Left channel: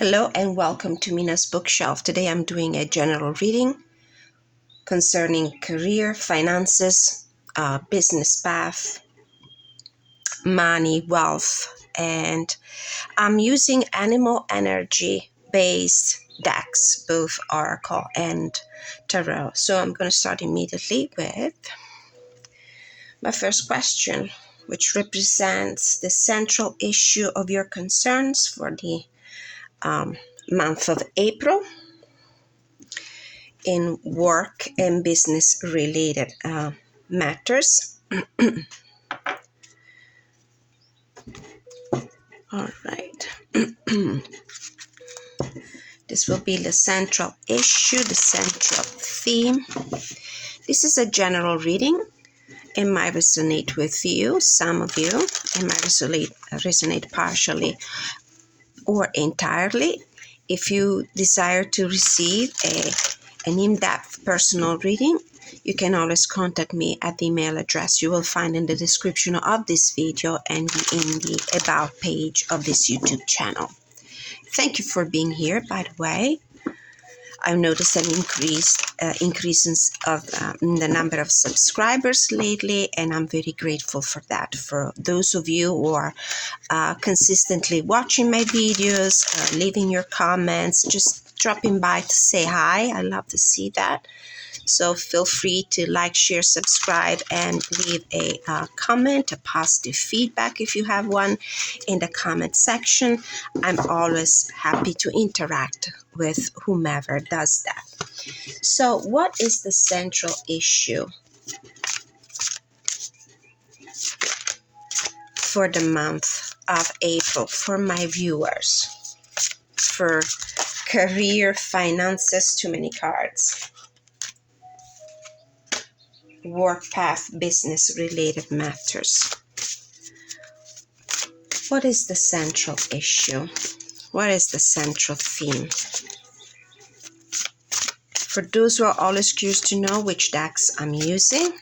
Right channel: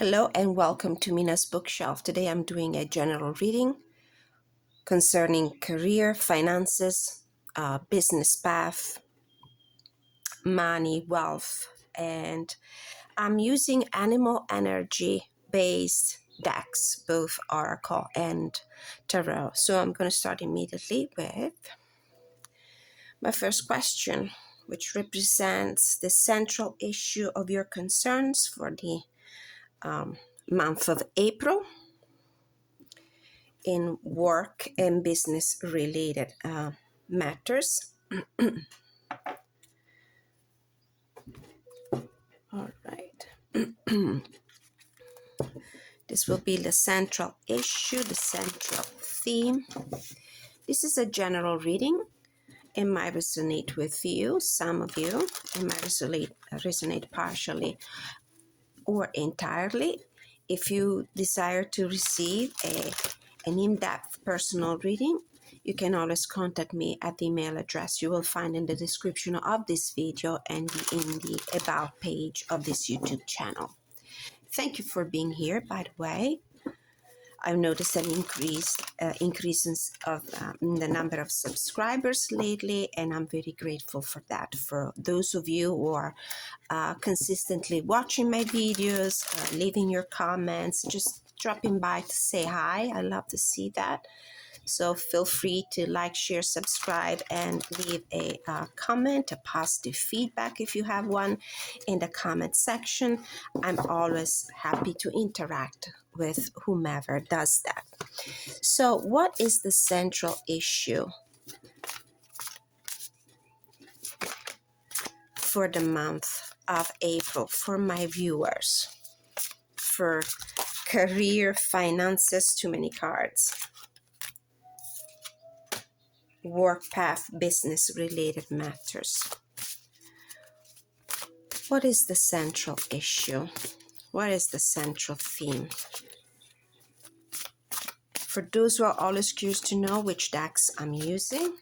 Hello and welcome to Mina's bookshelf. Today I'm doing a general reading concerning career, finances, business path, money, wealth, and I'm using animal energy based decks, both Oracle and Tarot. So I'm going to start immediately with my first question, which represents the central issue of your concerns for the month of April in work and business related matters. All right. This will be the central issue, the central theme. This is a general reading. It might resonate with you, some of you. It might resonate partially or entirely. If you desire to receive an in-depth personal reading, you can always contact me at the email address you will find in the description of this video and in the About page of this YouTube channel. Thank you for being here, by the way. I've noticed an increase of the number of subscribers lately, and I'm very grateful for that. For those of you who are consistently watching my videos, leaving your comments, just dropping by to say hi. I love to see that. So feel free to like, share, subscribe, and leave a comment, a positive feedback if you have one in the comment section. I'm always happy to interact with whomever does that. So what is the central issue for the month of April for my viewers? For career, finances, too many cards. Work path, business related matters. What is the central issue? What is the central theme? For those who are always curious to know which decks I'm using,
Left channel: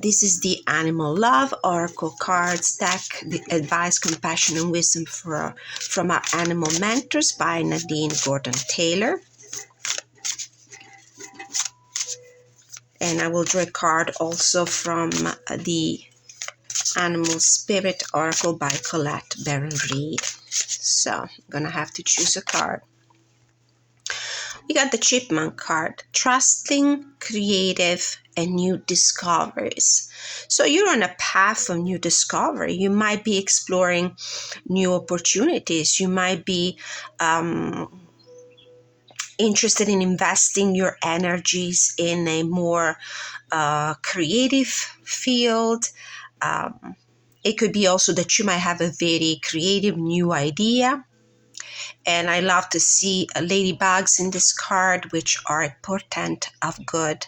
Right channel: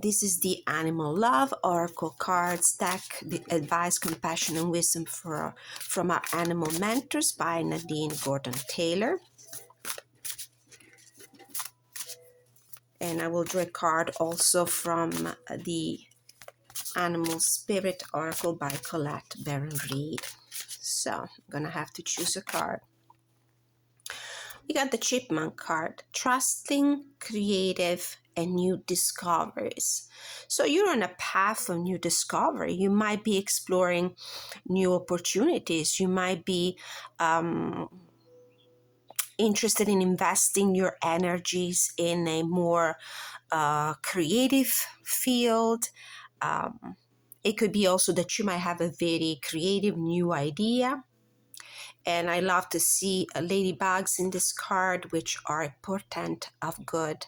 this is the Animal Love Oracle Cards deck, the Advice, Compassion, and Wisdom from our Animal Mentors by Nadine Gordon-Taylor. And I will draw a card also from the Animal Spirit Oracle by Colette Reed. So I'm going to have to choose a card. We got the Chipmunk card, Trusting, Creative, and New Discoveries. So you're on a path of new discovery. You might be exploring new opportunities. You might be interested in investing your energies in a more creative field. It could be also that you might have a very creative new idea. And I love to see ladybugs in this card, which are a portent of good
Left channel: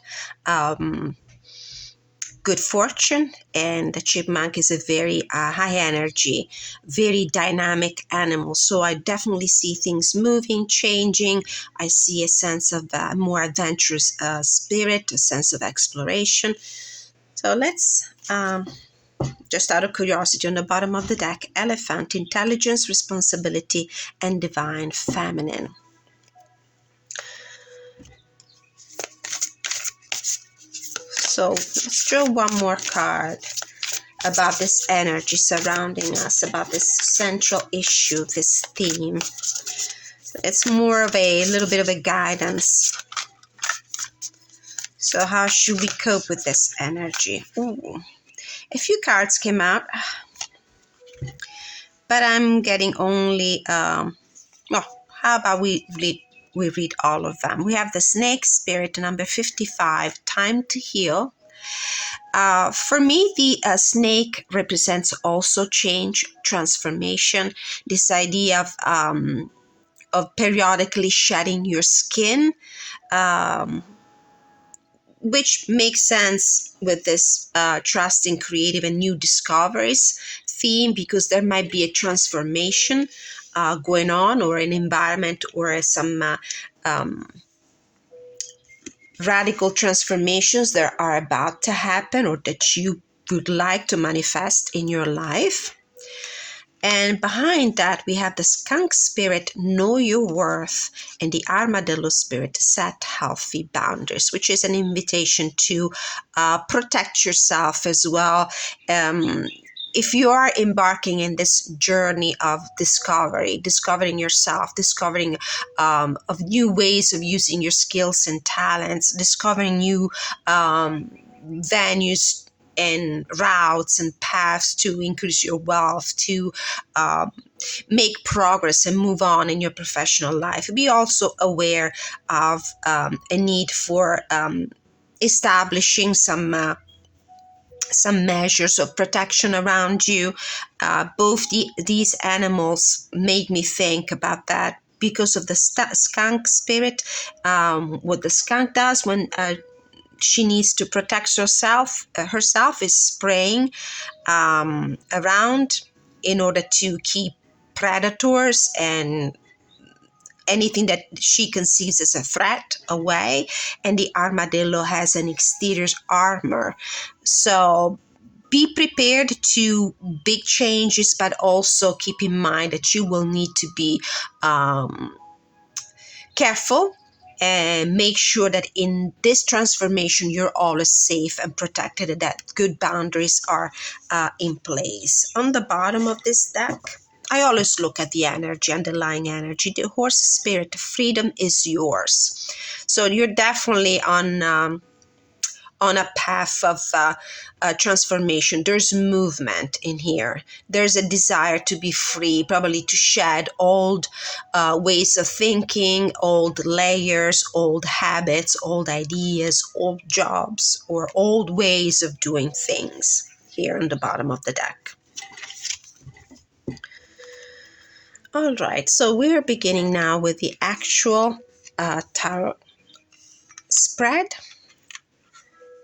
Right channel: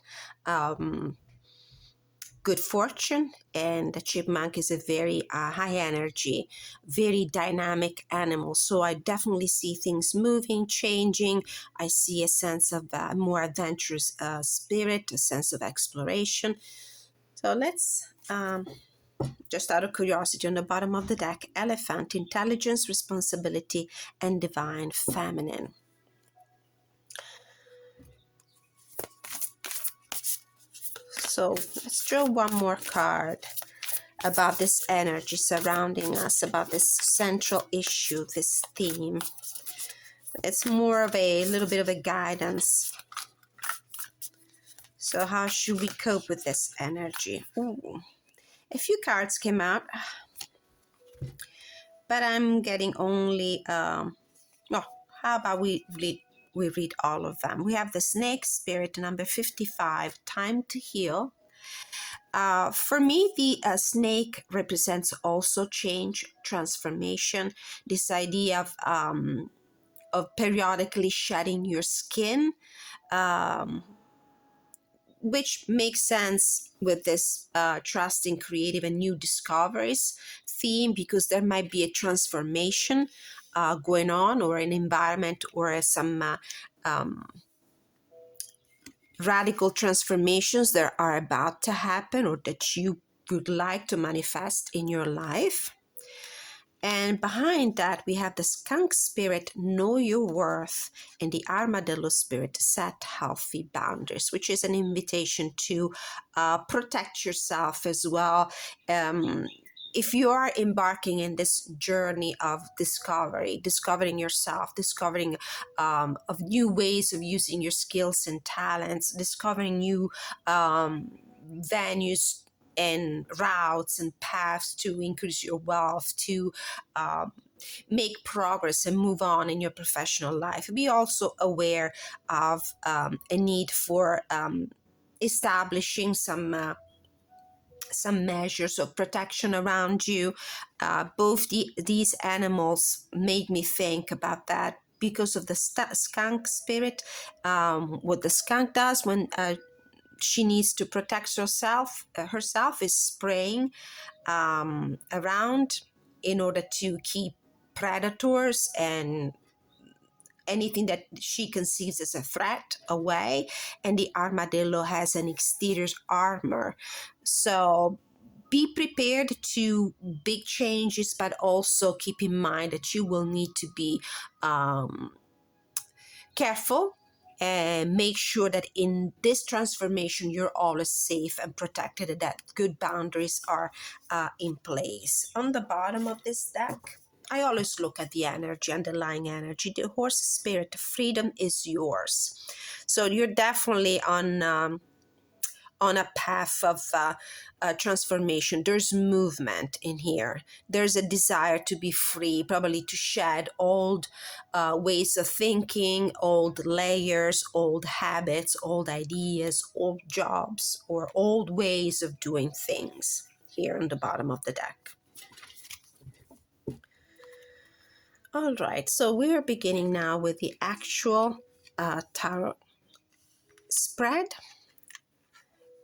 fortune. And the chipmunk is a very high energy, very dynamic animal. So I definitely see things moving, changing. I see a sense of more adventurous spirit, a sense of exploration. So let's, just out of curiosity, on the bottom of the deck, Elephant, Intelligence, Responsibility, and Divine Feminine. So let's draw one more card about this energy surrounding us, about this central issue, this theme. It's more of a little bit of a guidance. So how should we cope with this energy? Ooh, a few cards came out, but I'm getting only, how about we read all of them. We have the Snake Spirit, number 55, Time to Heal. For me, the snake represents also change, transformation, this idea of periodically shedding your skin, which makes sense with this trusting, creative, and new discoveries theme, because there might be a transformation going on, or an environment, or some radical transformations that are about to happen, or that you would like to manifest in your life. And behind that, we have the skunk spirit, know your worth, and the armadillo spirit, set healthy boundaries, which is an invitation to protect yourself as well. If you are embarking in this journey of discovering yourself, discovering of new ways of using your skills and talents, discovering new venues and routes and paths to increase your wealth, to make progress and move on in your professional life. Be also aware of a need for establishing some measures of protection around you. Both these animals made me think about that because of the skunk spirit. What the skunk does when she needs to protect herself is spraying around in order to keep predators and anything that she conceives as a threat away. And the armadillo has an exterior armor. So be prepared to big changes, but also keep in mind that you will need to be careful and make sure that in this transformation you're always safe and protected and that good boundaries are in place. On the bottom of this deck, I always look at the energy, underlying energy. The horse spirit, freedom is yours. So you're definitely on a path of transformation. There's movement in here. There's a desire to be free, probably to shed old ways of thinking, old layers, old habits, old ideas, old jobs, or old ways of doing things here on the bottom of the deck. All right, so we're beginning now with the actual tarot spread.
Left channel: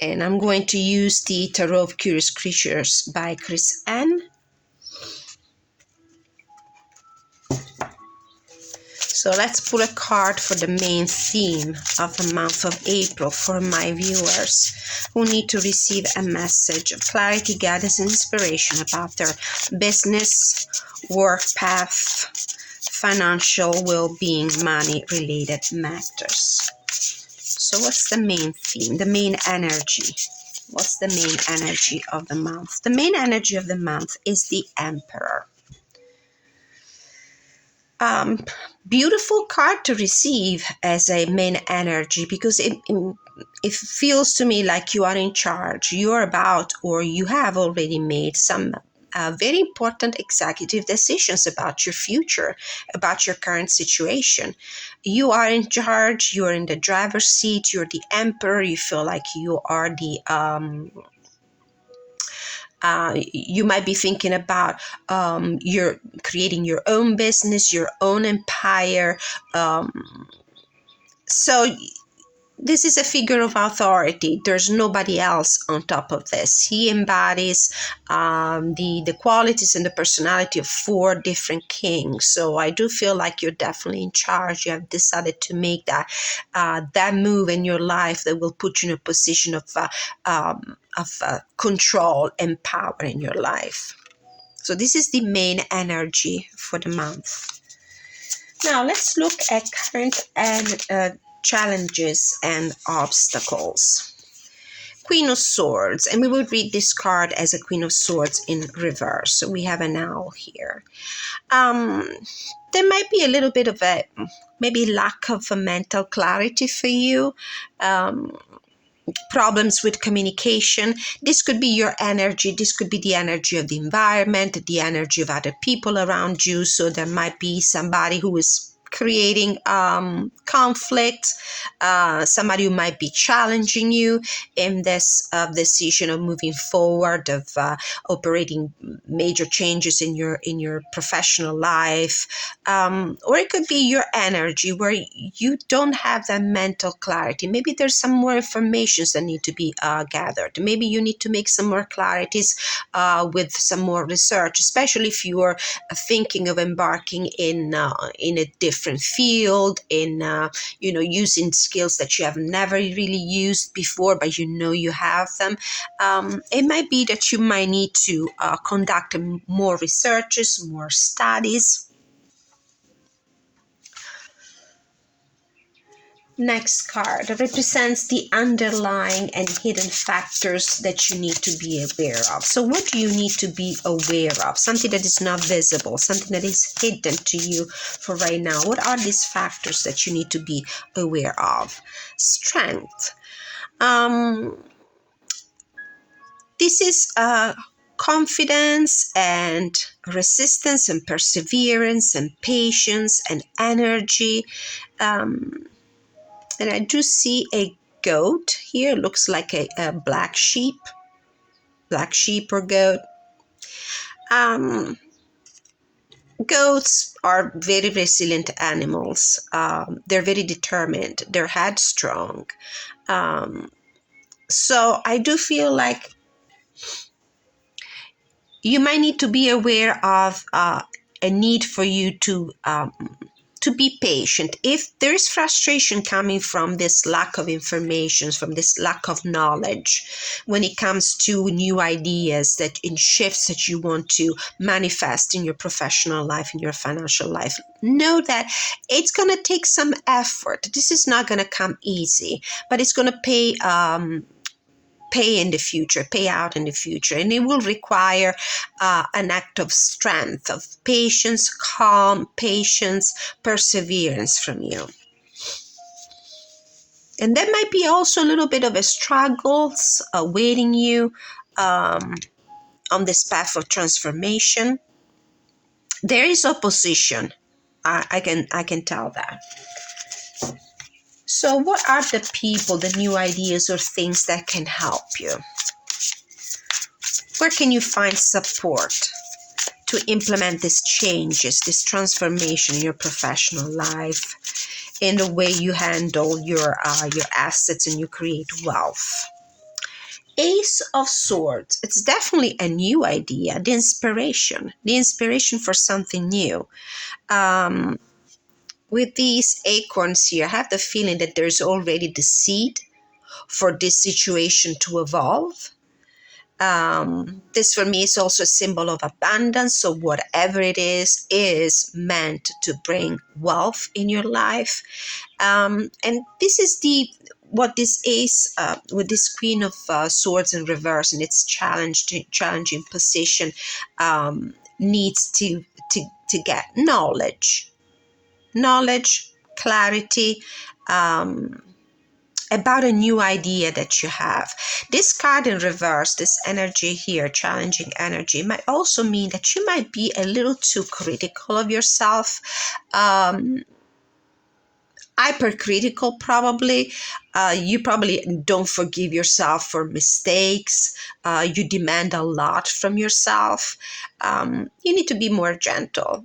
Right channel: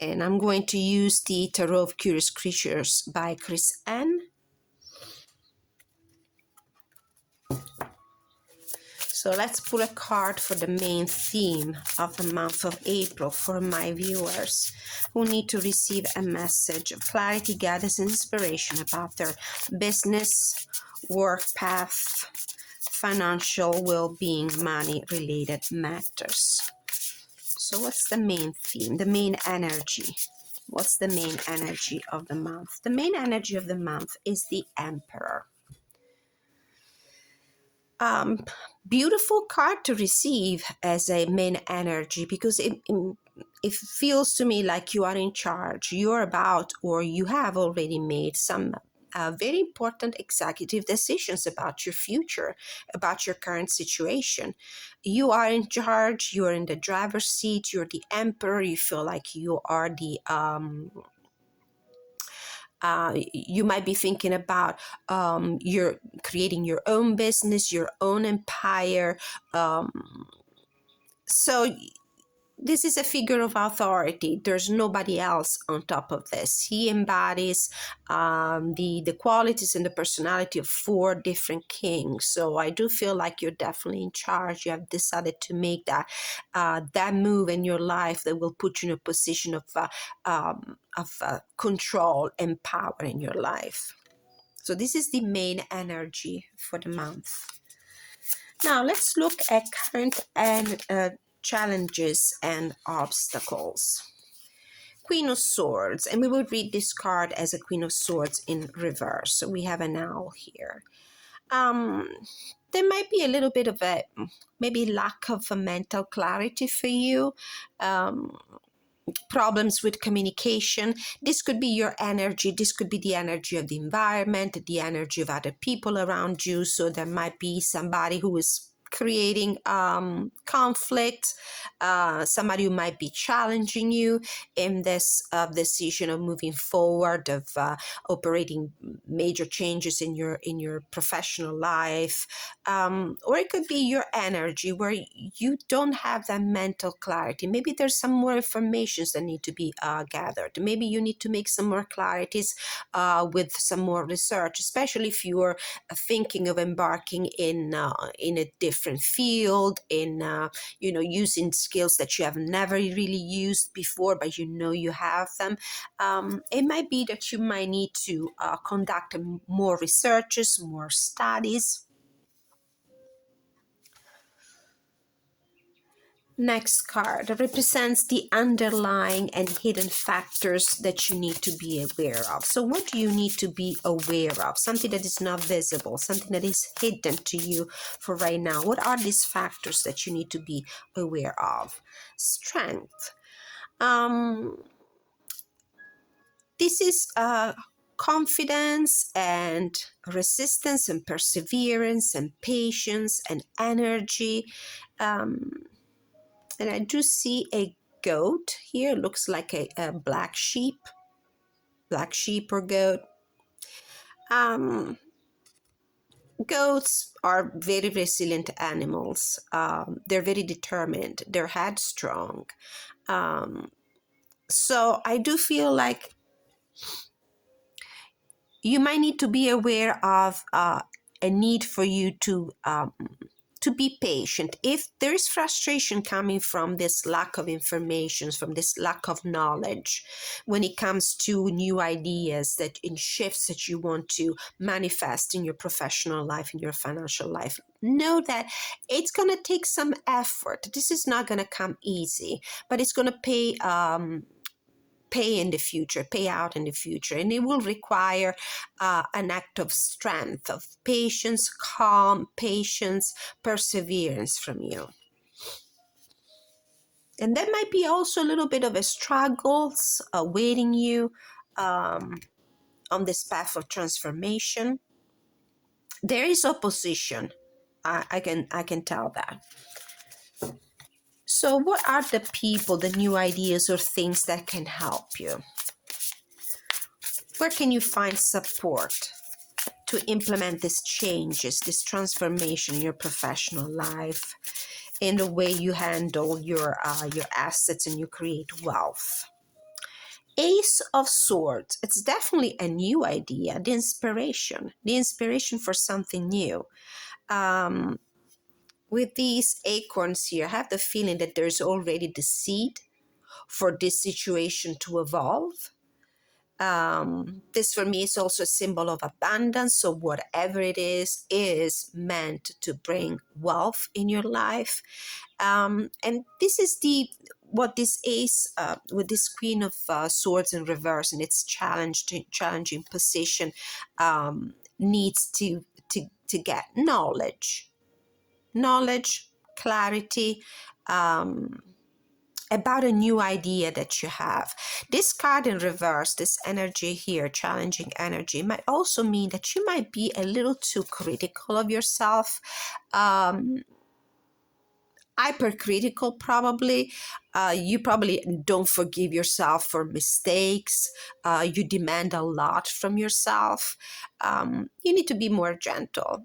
And I'm going to use the Tarot of Curious Creatures by Chris N. So let's pull a card for the main theme of the month of April for my viewers who need to receive a message of clarity, guidance, and inspiration about their business, work path, financial well-being, money-related matters. So what's the main theme, the main energy? What's the main energy of the month? The main energy of the month is the Emperor. Beautiful card to receive as a main energy because it feels to me like you are in charge. You're about, or you have already made some very important executive decisions about your future, about your current situation. You are in charge. You're in the driver's seat. You're the emperor. You feel like you are the you might be thinking about you're creating your own business, your own empire. So this is a figure of authority. There's nobody else on top of this. He embodies the qualities and the personality of 4 different kings. So I do feel like you're definitely in charge. You have decided to make that move in your life that will put you in a position of control and power in your life. So this is the main energy for the month. Now let's look at current and challenges and obstacles. Queen of Swords, and we will read this card as a Queen of Swords in reverse. So we have an owl here. There might be a little bit of a maybe lack of a mental clarity for you. Problems with communication. This could be your energy. This could be the energy of the environment, the energy of other people around you. So there might be somebody who is creating conflict, somebody who might be challenging you in this decision of moving forward, of operating major changes in your professional life, or it could be your energy where you don't have that mental clarity. Maybe there's some more information that need to be gathered. Maybe you need to make some more clarities with some more research, especially if you are thinking of embarking in a different different field, in using skills that you have never really used before, but you have them. It might be that you might need to conduct more researches, more studies. Next card represents the underlying and hidden factors that you need to be aware of. So what do you need to be aware of? Something that is not visible, something that is hidden to you for right now. What are these factors that you need to be aware of? Strength. This is confidence and resistance and perseverance and patience and energy. And I do see a goat here. Looks like a black sheep or goat. Goats are very resilient animals. They're very determined. They're headstrong. So I do feel like you might need to be aware of a need for you to be patient. If there is frustration coming from this lack of information, from this lack of knowledge, when it comes to new ideas that in shifts that you want to manifest in your professional life, in your financial life, know that it's going to take some effort. This is not going to come easy, but it's going to pay in the future, pay out in the future. And it will require an act of strength, of patience, calm, patience, perseverance from you. And there might be also a little bit of a struggles awaiting you on this path of transformation. There is opposition. I can tell that. So what are the people, the new ideas or things that can help you? Where can you find support to implement these changes, this transformation in your professional life, in the way you handle your assets and you create wealth? Ace of Swords. It's definitely a new idea, the inspiration for something new. With these acorns here, I have the feeling that there's already the seed for this situation to evolve. This for me is also a symbol of abundance. So whatever it is meant to bring wealth in your life. And this is what this ace with this Queen of Swords in reverse and its challenging position needs to get knowledge, clarity, about a new idea that you have. This card in reverse, this energy here, challenging energy, might also mean that you might be a little too critical of yourself, hypercritical probably. You probably don't forgive yourself for mistakes. You demand a lot from yourself. You need to be more gentle.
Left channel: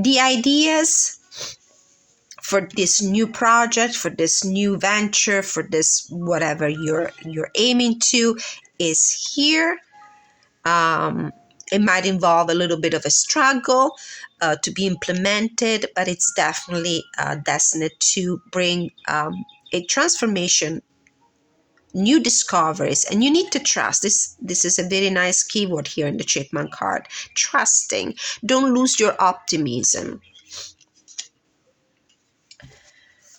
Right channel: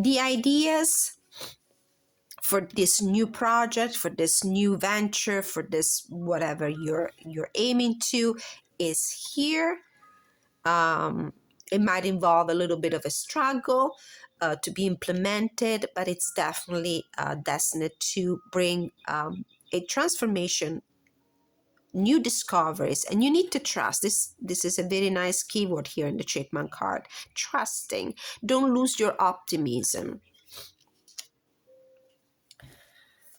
The ideas for this new project, for this new venture, for this whatever you're aiming to is here. It might involve a little bit of a struggle to be implemented, but it's definitely destined to bring a transformation, new discoveries, and you need to trust. This is a very nice keyword here in the Chapman card. Trusting. Don't lose your optimism.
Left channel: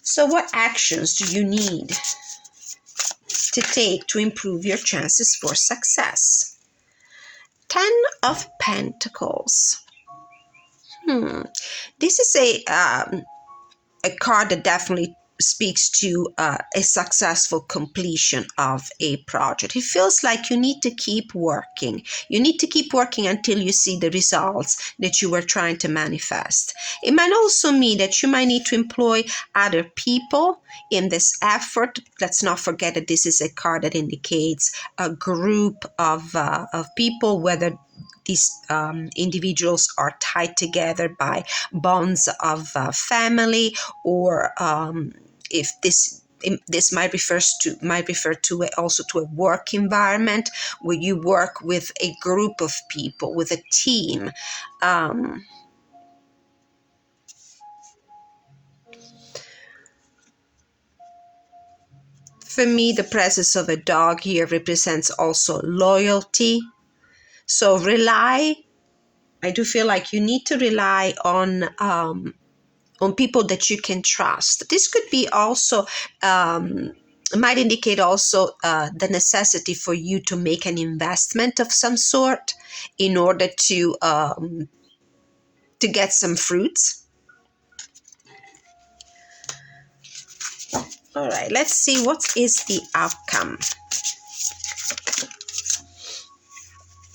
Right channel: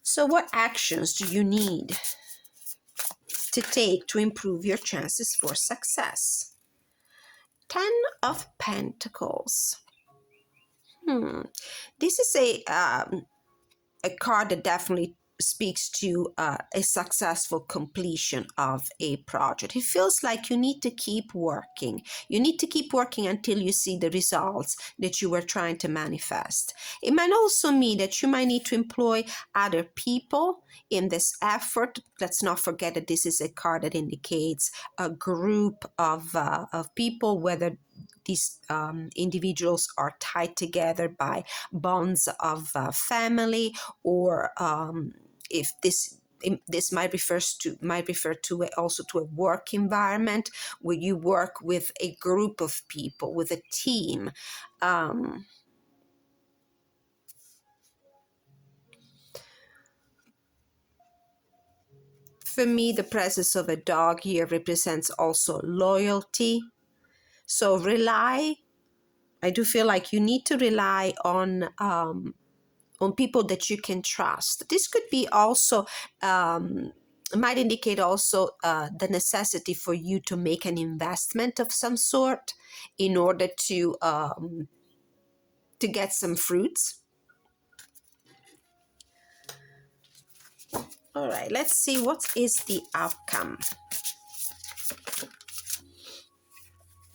So what actions do you need to take to improve your chances for success? 10 of Pentacles. This is a card that definitely speaks to a successful completion of a project. It feels like you need to keep working. You need to keep working until you see the results that you were trying to manifest. It might also mean that you might need to employ other people in this effort. Let's not forget that this is a card that indicates a group of people, whether these individuals are tied together by bonds of family, or if this might refer to also to a work environment where you work with a group of people, with a team. For me, the presence of a dog here represents also loyalty. So I do feel like you need to rely on people that you can trust. This could be also, might indicate also the necessity for you to make an investment of some sort in order to get some fruits. All right, let's see what is the outcome.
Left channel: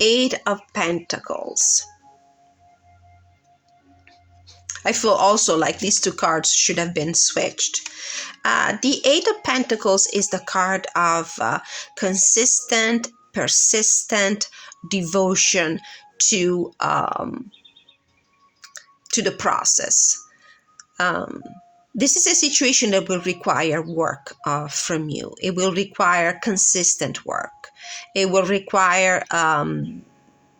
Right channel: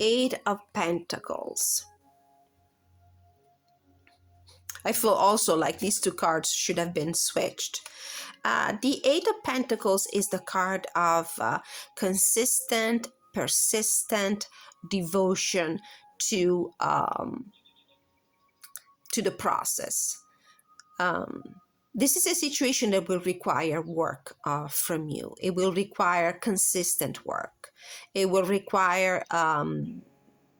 Eight of Pentacles. I feel also like these two cards should have been switched. The Eight of Pentacles is the card of consistent, persistent devotion to the process. This is a situation that will require work from you. It will require consistent work. It will require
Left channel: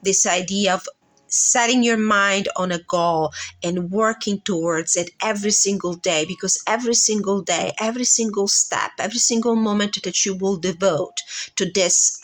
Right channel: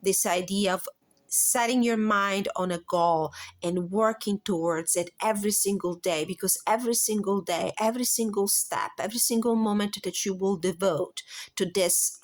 this idea of setting your mind on a goal and working towards it every single day, because every single day, every single step, every single moment that you will devote to this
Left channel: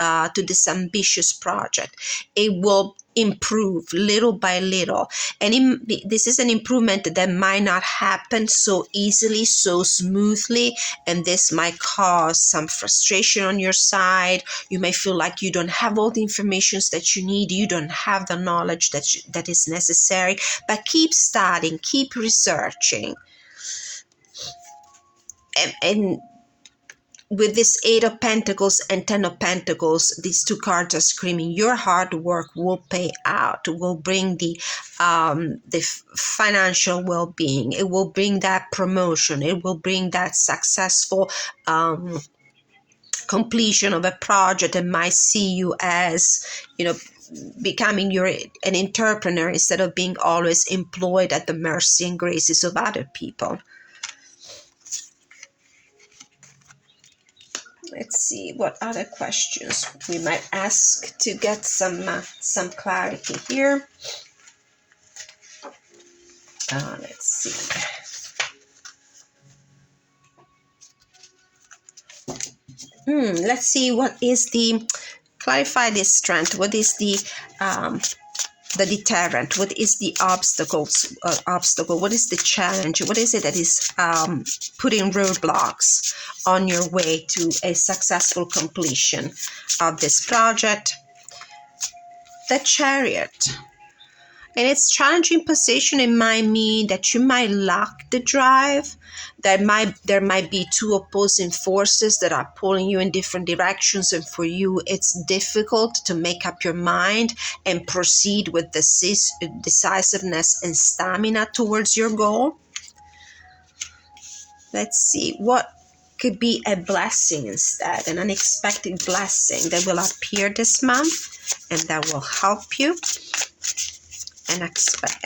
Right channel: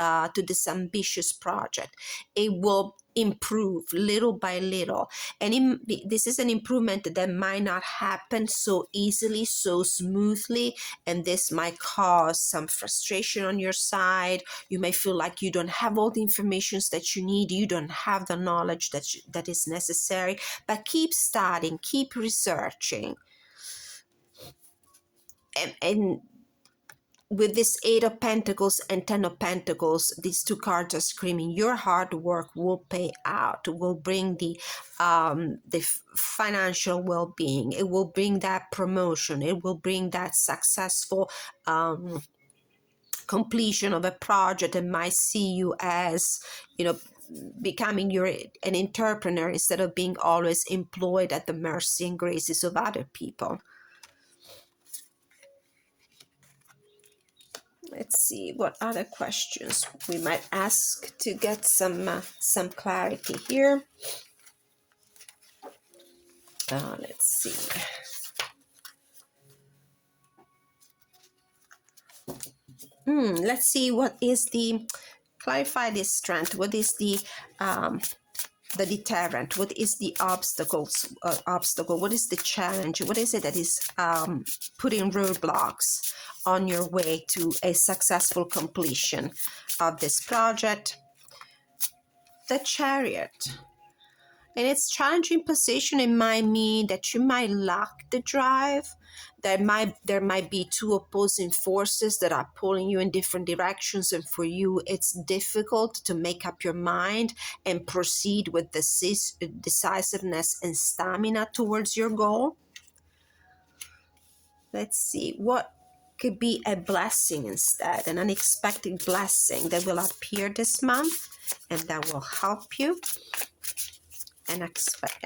ambitious project, it will improve little by little. And this is an improvement that might not happen so easily, so smoothly, and this might cause some frustration on your side. You may feel like you don't have all the information that you need, you don't have the knowledge that is necessary, but keep studying, keep researching. And with this Eight of Pentacles and Ten of Pentacles, these two cards are screaming your hard work will pay out, will bring the financial well-being, it will bring that promotion, it will bring that successful completion of a project that might see you as, becoming an entrepreneur instead of being always employed at the mercy and graces of other people. Let's see what other questions we might ask to get some clarity here. Let's see. Let's see what is clarify this strength. What is the deterrent? What is the obstacle? What is the challenge? What is it that is putting roadblocks on your way to a successful completion of this project? The Chariot. In its challenging position, it might mean that you might lack the drive. There might be two opposing forces that are pulling you in different directions, and for you, it's difficult to make up your mind and proceed with decisiveness and stamina towards your goal. Let's see what could be a blessing instead, an unexpected blessing that will appear this month and that will help you. An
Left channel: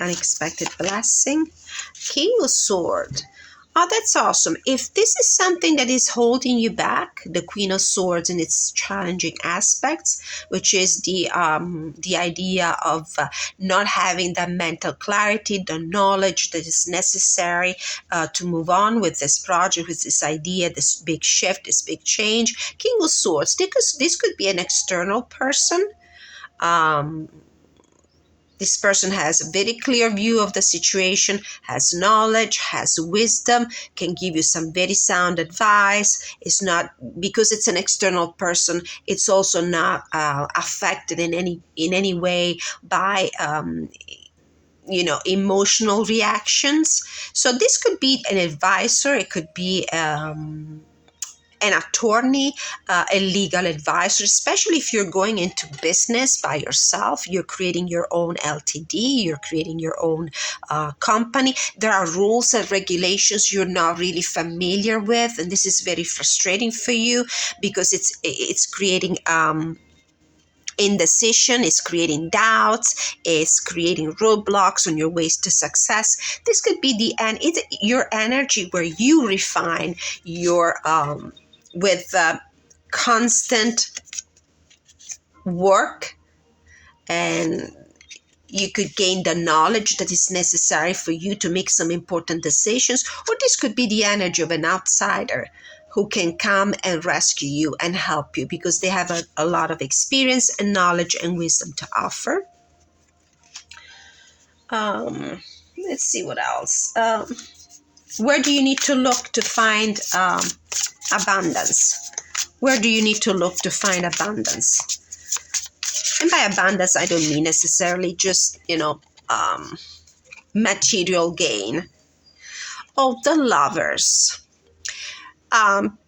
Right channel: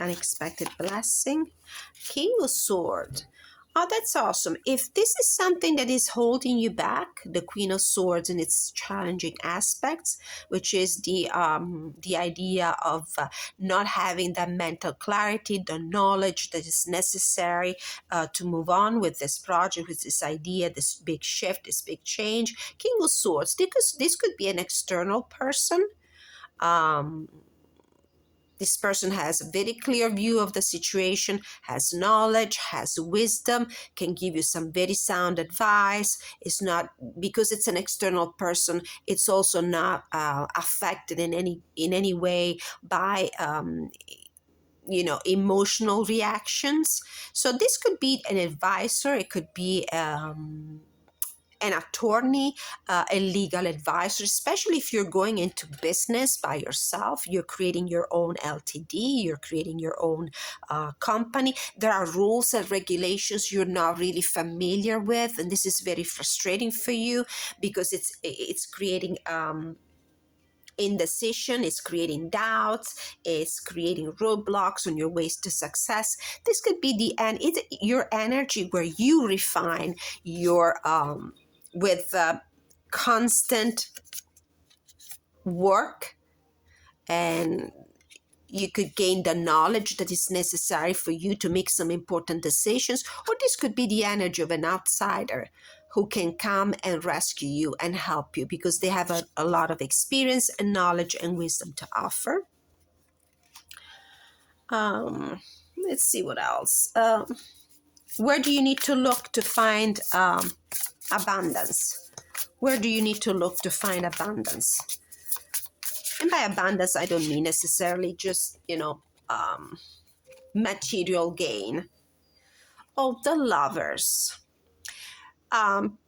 unexpected blessing. King of Swords. Oh, that's awesome. If this is something that is holding you back, the Queen of Swords in its challenging aspects, which is the idea of not having that mental clarity, the knowledge that is necessary to move on with this project, with this idea, this big shift, this big change. King of Swords, this could be an external person. This person has a very clear view of the situation, has knowledge, has wisdom, can give you some very sound advice. It's not, because it's an external person, it's also not affected in any way by emotional reactions. So this could be an advisor, it could be an attorney, a legal advisor, especially if you're going into business by yourself, you're creating your own LTD, you're creating your own company. There are rules and regulations you're not really familiar with, and this is very frustrating for you because it's creating indecision, is creating doubts, is creating roadblocks on your ways to success. This could be your energy where you refine your with constant work, and you could gain the knowledge that is necessary for you to make some important decisions. Or this could be the energy of an outsider who can come and rescue you and help you because they have a lot of experience and knowledge and wisdom to offer. Let's see what else. Where do you need to look to find abundance? Where do you need to look to find abundance? And by abundance, I don't mean necessarily just, material gain. Oh, the Lovers.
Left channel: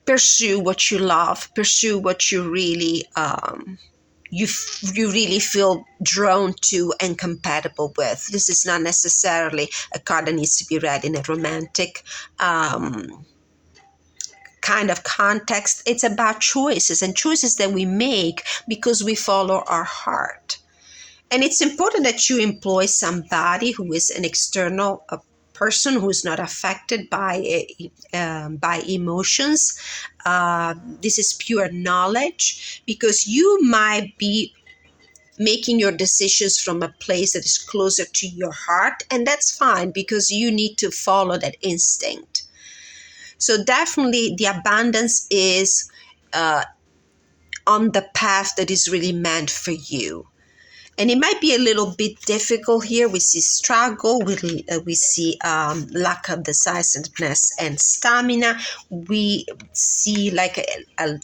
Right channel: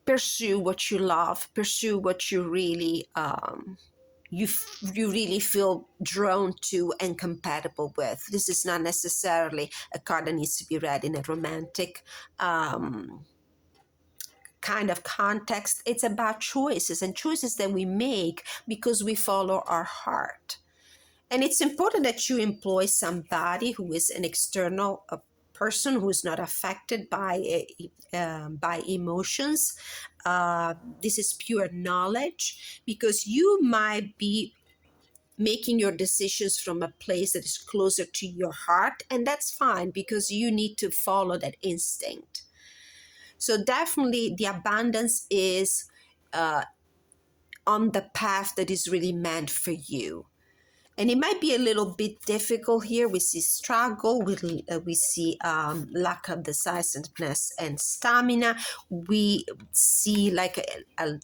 Pursue what you love. Pursue what you really you really feel drawn to and compatible with. This is not necessarily a card that needs to be read in a romantic kind of context. It's about choices and choices that we make because we follow our heart. And it's important that you employ somebody who is an external person who is not affected by emotions. This is pure knowledge because you might be making your decisions from a place that is closer to your heart, and that's fine because you need to follow that instinct. So definitely the abundance is on the path that is really meant for you. And it might be a little bit difficult here. We see struggle, we see lack of decisiveness and stamina. We see like a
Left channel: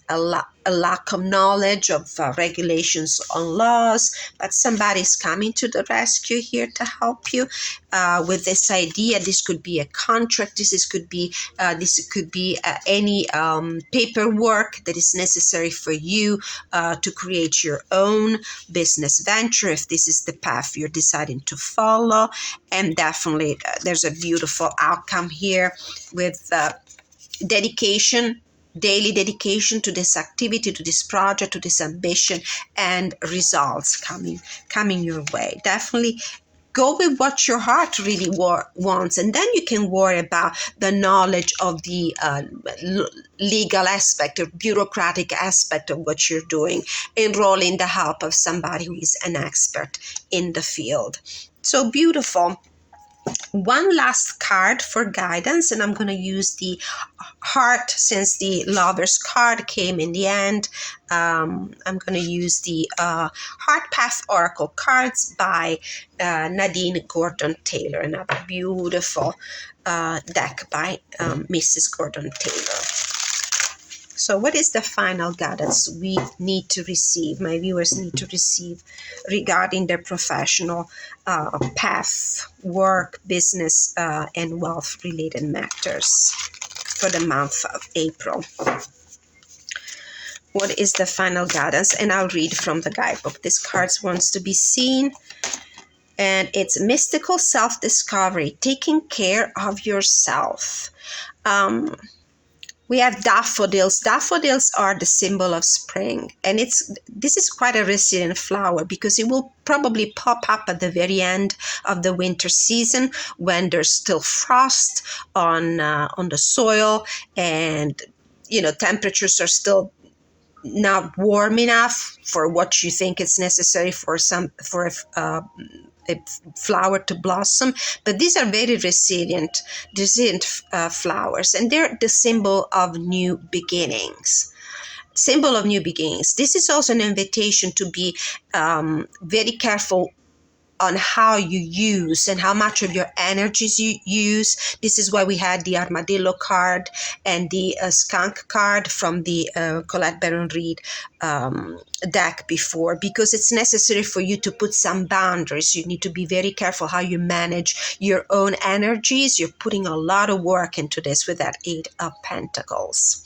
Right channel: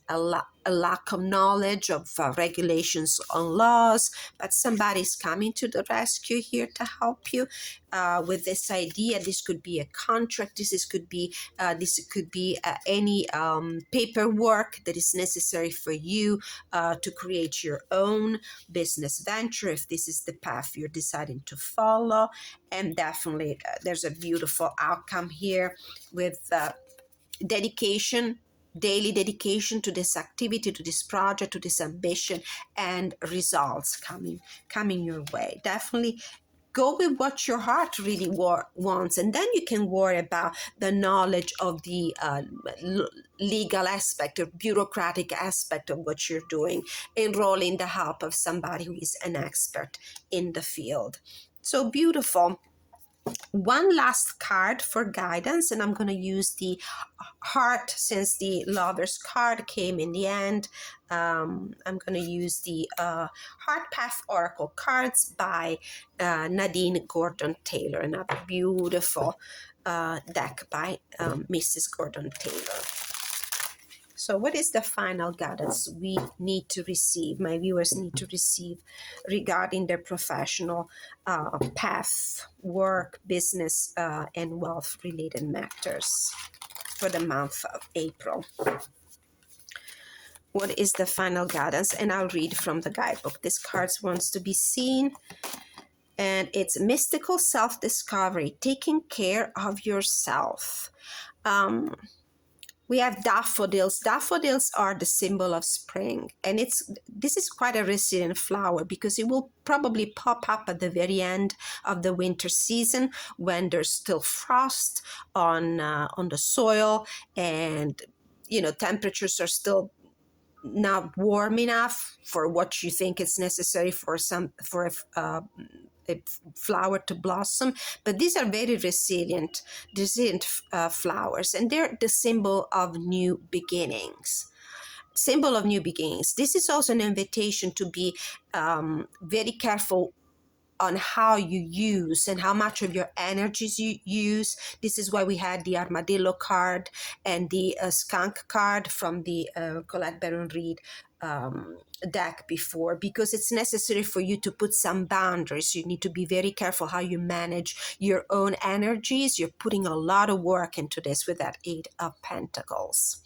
lack of knowledge of regulations on laws, but somebody's coming to the rescue here to help you with this idea. This could be a contract. This could be any paperwork that is necessary for you to create your own business venture, if this is the path you're deciding to follow. And definitely there's a beautiful outcome here with dedication, daily dedication to this activity, to this project, to this ambition, and results coming your way. Definitely go with what your heart really wants, and then you can worry about the knowledge of the legal aspect or bureaucratic aspect of what you're doing. Enroll in the help of somebody who is an expert in the field. So beautiful. One last card for guidance, and I'm going to use the heart since the Lovers card came in the end. I'm going to use the Heart Path Oracle cards by Nadine Gordon-Taylor, another beautiful deck by Mrs. Gordon-Taylor. So what is the final guidance we need to receive, my viewers need to receive regarding their professional path, work, business, and wealth-related matters for the month of April? What is the final guidance? And I'll read from the guidebook. This card wants to be seen. And it's mystical self-discovery, taking care of yourself. We have daffodils. Daffodils are the symbol of spring, and this is quite a resilient flower because it will probably pop up at the very end of the winter season when there's still frost on the soil, and temperatures are still not warm enough for what you think is necessary for a flower to blossom. But these are very resilient flowers, and they're the symbol of new beginnings. This is also an invitation to be very careful on how you use and how much of your energies you use. This is why we had the armadillo card and the skunk card from the Colette Baron-Reid deck before, because it's necessary for you to put some boundaries. You need to be very careful how you manage your own energies. You're putting a lot of work into this with that 8 of Pentacles.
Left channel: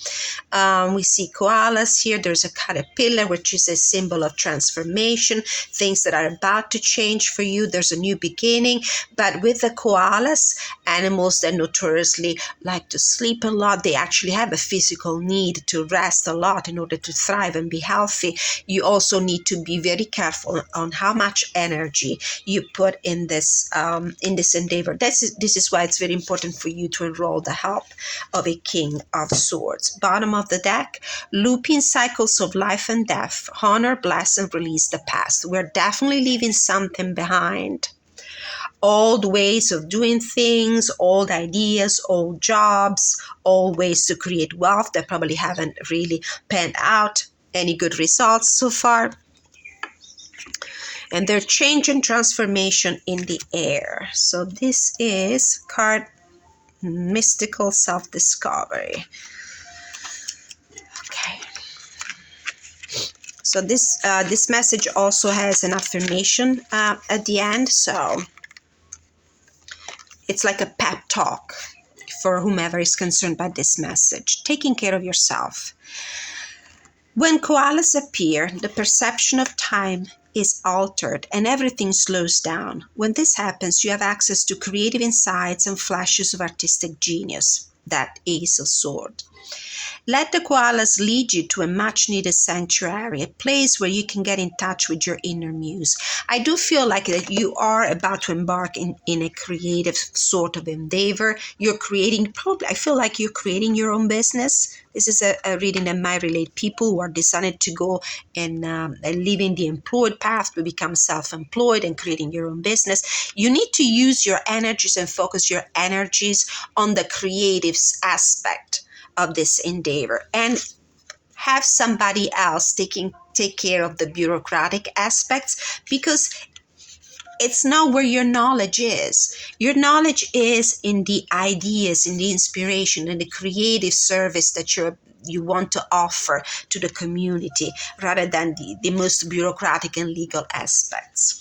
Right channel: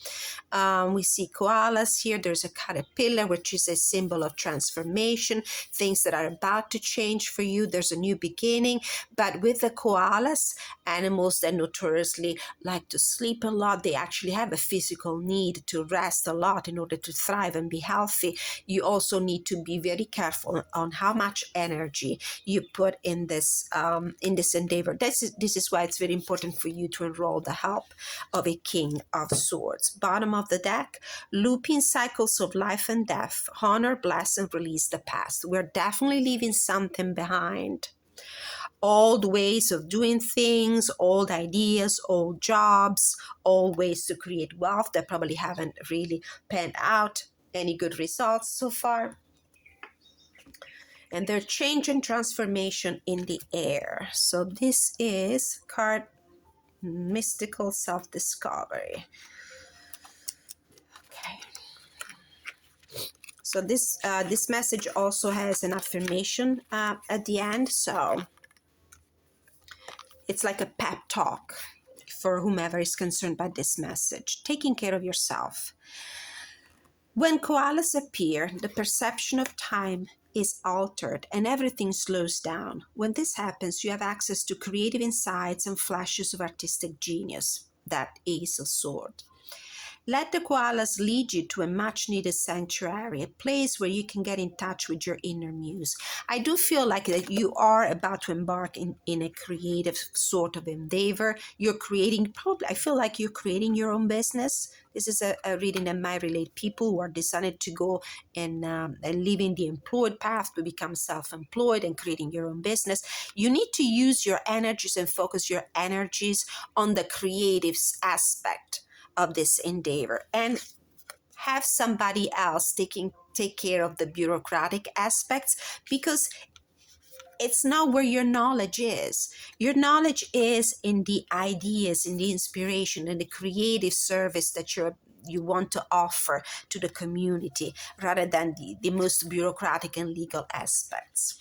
We see koalas here. There's a caterpillar, which is a symbol of transformation, things that are about to change for you. There's a new beginning. But with the koalas, animals that notoriously like to sleep a lot, they actually have a physical need to rest a lot in order to thrive and be healthy. You also need to be very careful on how much energy you put in this endeavor. This is why it's very important for you to enroll the help of a King of Swords. Bottom of the deck, looping cycles of life and death. Honor, bless, and release the past. We're definitely leaving something behind. old ways of doing things, old ideas, old jobs, old ways to create wealth that probably haven't really panned out any good results so far. And there's change and transformation in the air. So this is card mystical self-discovery. Okay. So this message also has an affirmation at the end. So it's like a pep talk for whomever is concerned by this message. Taking care of yourself. When koalas appear, the perception of time is altered and everything slows down. When this happens, you have access to creative insights and flashes of artistic genius. That Ace of Swords. Let the koalas lead you to a much-needed sanctuary, a place where you can get in touch with your inner muse. I do feel like that you are about to embark in a creative sort of endeavor. You're creating, probably, I feel like you're creating your own business. This is a reading that might relate people who are decided to go and leaving the employed path to become self-employed and creating your own business. You need to use your energies and focus your energies on the creative aspect of this endeavor, and have somebody else take care of the bureaucratic aspects, because it's not where your knowledge is. Your knowledge is in the ideas, in the inspiration, in the creative service that you want to offer to the community, rather than the most bureaucratic and legal aspects.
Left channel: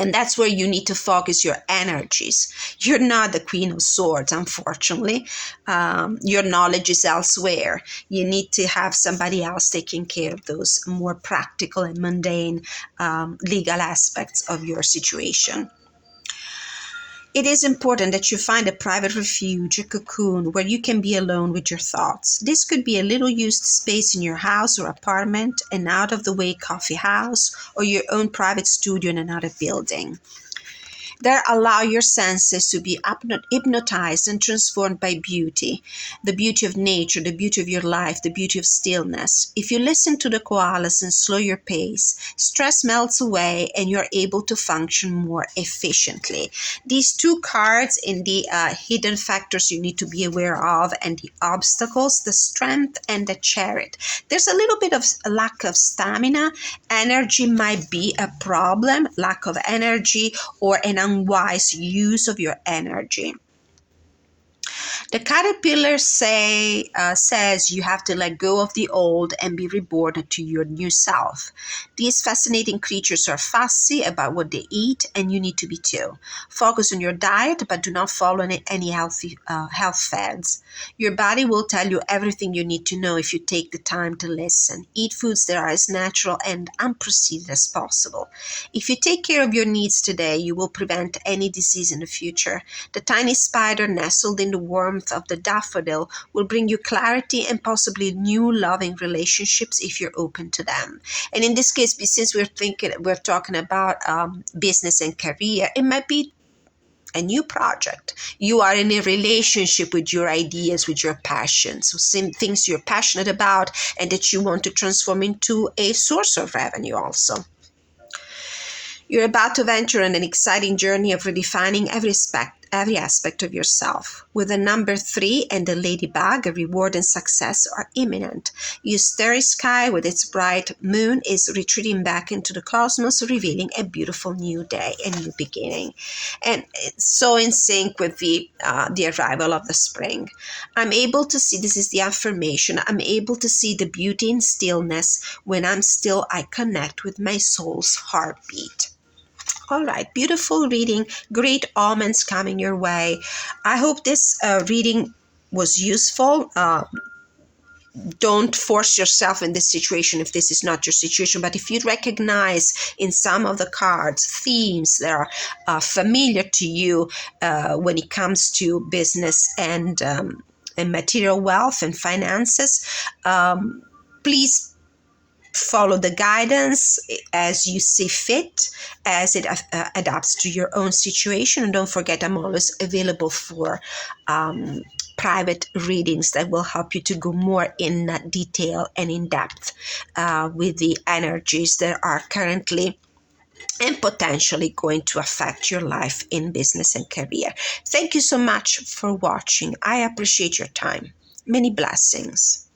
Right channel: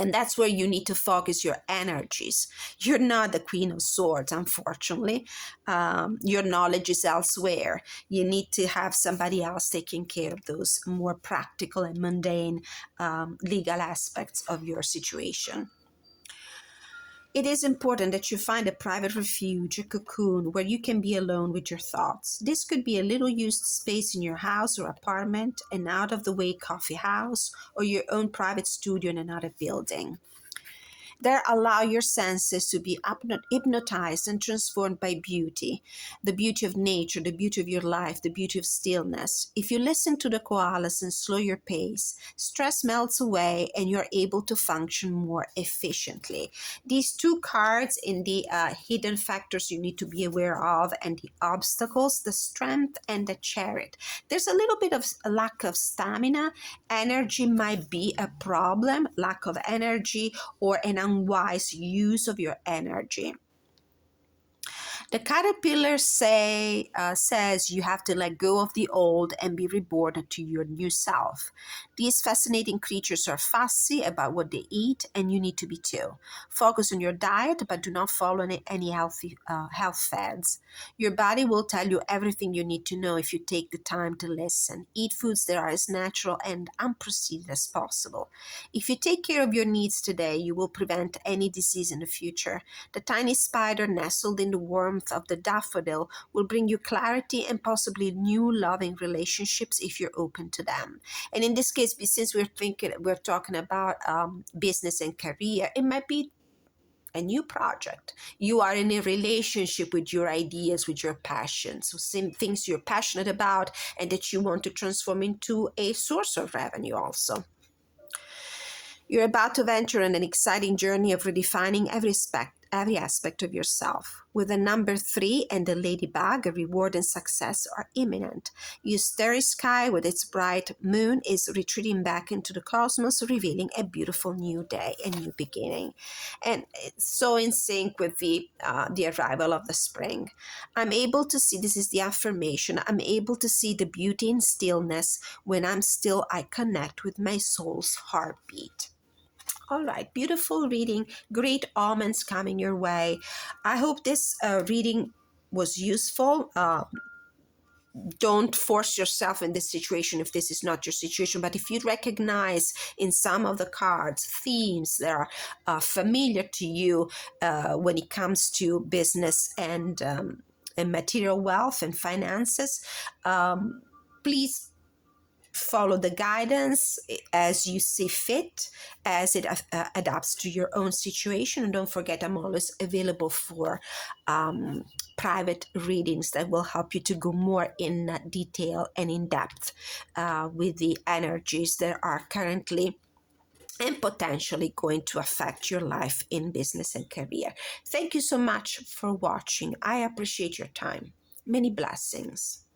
And that's where you need to focus your energies. You're not the Queen of Swords, unfortunately. Your knowledge is elsewhere. You need to have somebody else taking care of those more practical and mundane legal aspects of your situation. It is important that you find a private refuge, a cocoon, where you can be alone with your thoughts. This could be a little used space in your house or apartment, an out-of-the-way coffee house, or your own private studio in another building. There, allow your senses to be hypnotized and transformed by beauty, the beauty of nature, the beauty of your life, the beauty of stillness. If you listen to the koalas and slow your pace, stress melts away and you're able to function more efficiently. These two cards in the hidden factors you need to be aware of, and the obstacles, the strength and the chariot. There's a little bit of a lack of stamina. Energy might be a problem, lack of energy, or an unwise use of your energy. The caterpillar says you have to let go of the old and be reborn to your new self. These fascinating creatures are fussy about what they eat, and you need to be too. Focus on your diet, but do not follow any healthy health fads. Your body will tell you everything you need to know if you take the time to listen. Eat foods that are as natural and unprocessed as possible. If you take care of your needs today, you will prevent any disease in the future. The tiny spider nestled in the warmth of the daffodil will bring you clarity and possibly new loving relationships if you're open to them. And in this case, since we're talking about business and career, it might be a new project. You are in a relationship with your ideas, with your passions, some things you're passionate about and that you want to transform into a source of revenue also. You're about to venture on an exciting journey of redefining every aspect of yourself. With the number 3 and the ladybug, a reward and success are imminent. Your starry sky with its bright moon is retreating back into the cosmos, revealing a beautiful new day, a new beginning. And it's so in sync with the arrival of the spring. I'm able to see, this is the affirmation, I'm able to see the beauty in stillness. When I'm still, I connect with my soul's heartbeat. All right, beautiful reading, great omens coming your way. I hope this reading was useful. Don't force yourself in this situation if this is not your situation, but if you recognize in some of the cards themes that are familiar to you when it comes to business and material wealth and finances, please follow the guidance as you see fit, as it adapts to your own situation. And don't forget, I'm always available for private readings that will help you to go more in detail and in depth with the energies that are currently and potentially going to affect your life in business and career. Thank you so much for watching. I appreciate your time. Many blessings.